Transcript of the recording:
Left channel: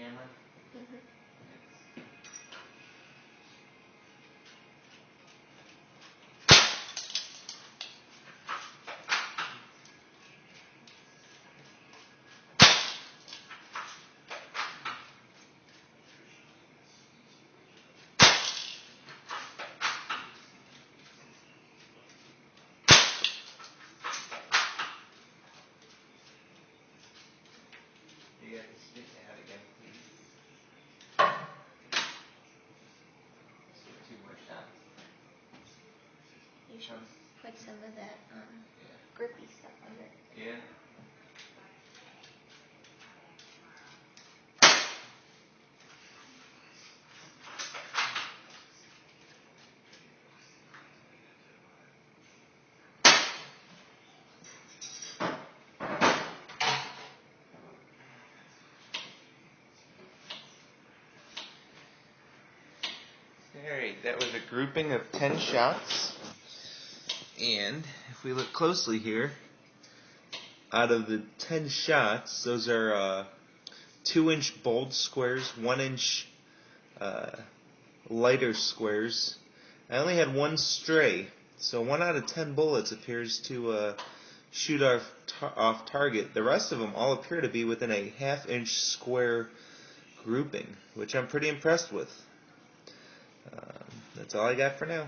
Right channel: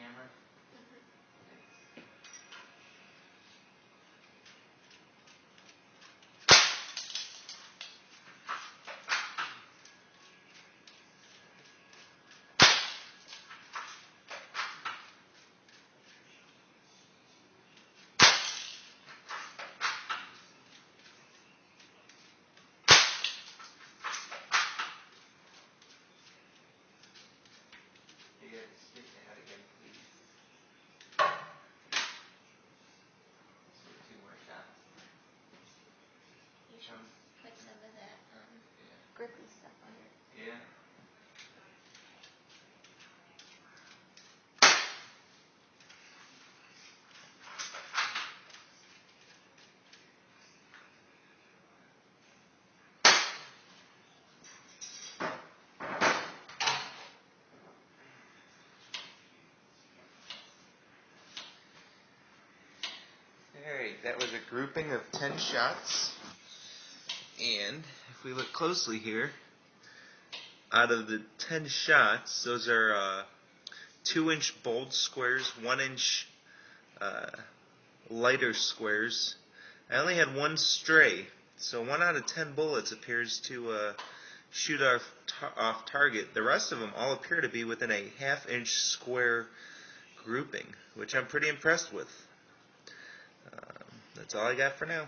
camera? Mm-hmm. You got to stick that again, please. Let's do 2 more shots. You should put some of that Yeah. grippy stuff under. Yeah. Alright, that was a grouping of 10 shots. And if we look closely here, out of the 10 shots, those are 2-inch bold squares, 1-inch lighter squares. I only had 1 stray, so 1 out of 10 bullets appears to shoot off target. The rest of them all appear to be within a 1/2-inch square grouping, which I'm pretty impressed with. That's all I got for now.